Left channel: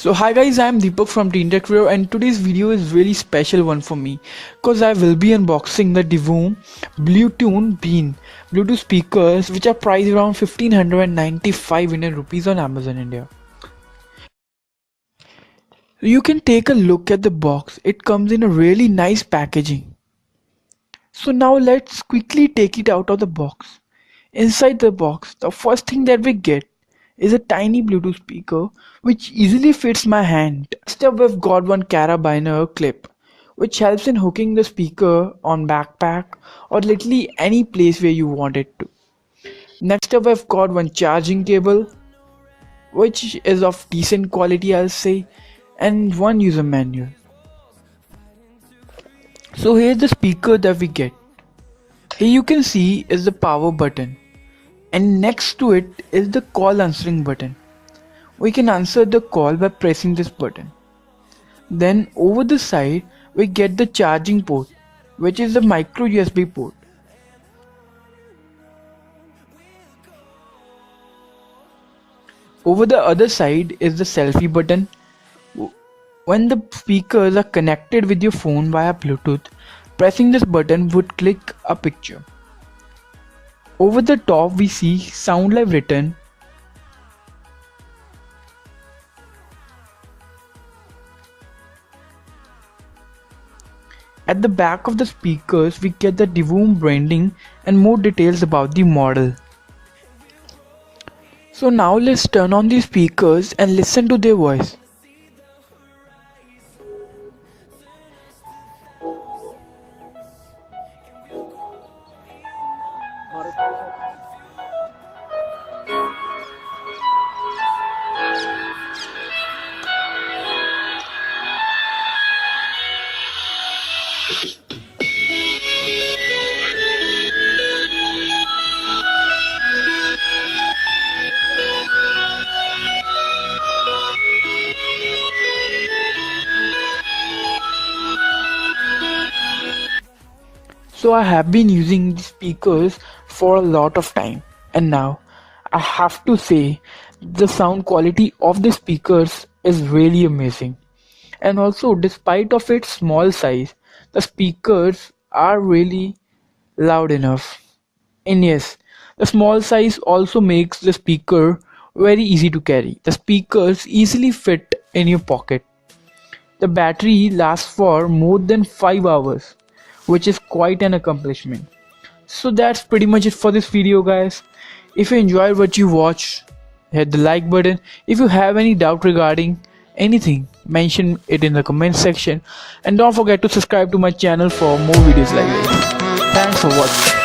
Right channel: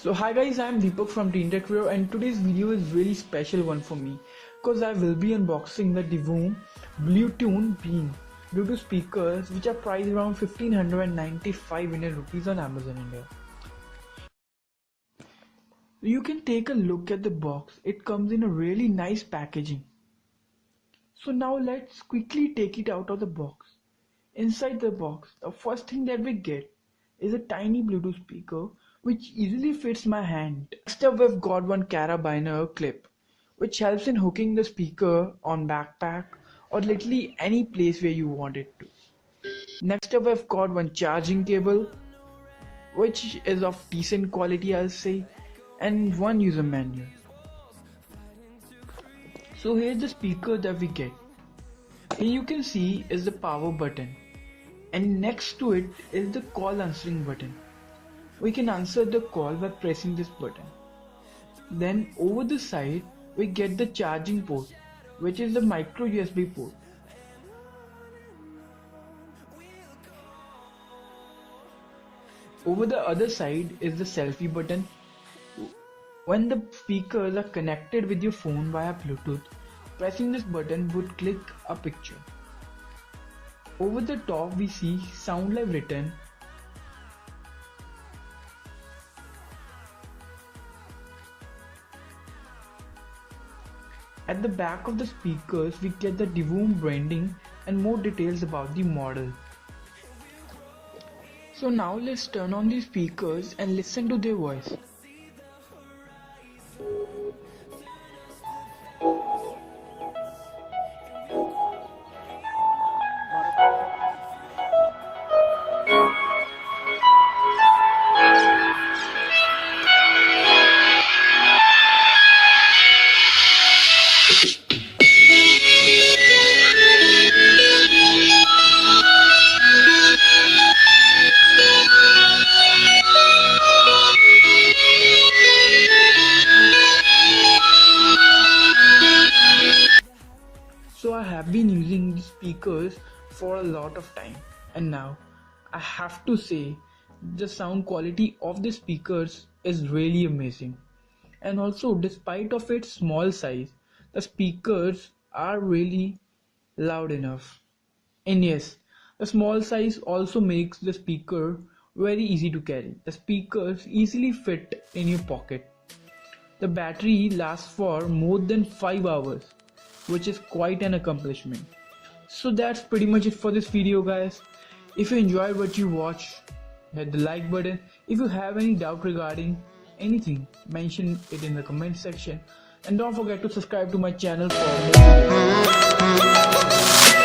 So hi guys, I am Deepak from Teen Tech Review, and today's video is really special one for me because I will be unboxing the Divoom Bluetooth speakers which are priced around 1595 Indian rupees on Amazon India. You can take a look at the box. It comes in a really nice packaging. So now let's quickly take it out of the box. Inside the box, the first thing that we get is a tiny Bluetooth speaker which easily fits my hand. Next up, we've got one carabiner clip which helps in hooking the speaker on backpack or literally any place where you want it to. Next up, I've got one charging cable which is of decent quality, I'll say, and one user manual. So here's the speaker that we get. Here you can see is the power button, and next to it is the call answering button. We can answer the call by pressing this button. Then over the side we get the charging port, which is the micro USB port. Over the other side is the selfie button. When the speakers are connected with your phone via Bluetooth, pressing this button would click a picture. Over the top we see Sound Live written. At the back of the speakers we get the Divoom branding and more details about the model. So now let's turn on the speakers and listen to their voice. So I have been using these speakers for a lot of time, and now I have to say the sound quality of the speakers is really amazing. And also, despite of its small size, the speakers are really loud enough. And yes, the small size also makes the speaker very easy to carry. The speakers easily fit in your pocket. The battery lasts for more than 5 hours, which is quite an accomplishment. So that's pretty much it for this video, guys. If you enjoyed what you watched, hit the like button. If you have any doubt regarding anything, mention it in the comment section, and don't forget to subscribe to my channel for more videos like this. Thanks for watching.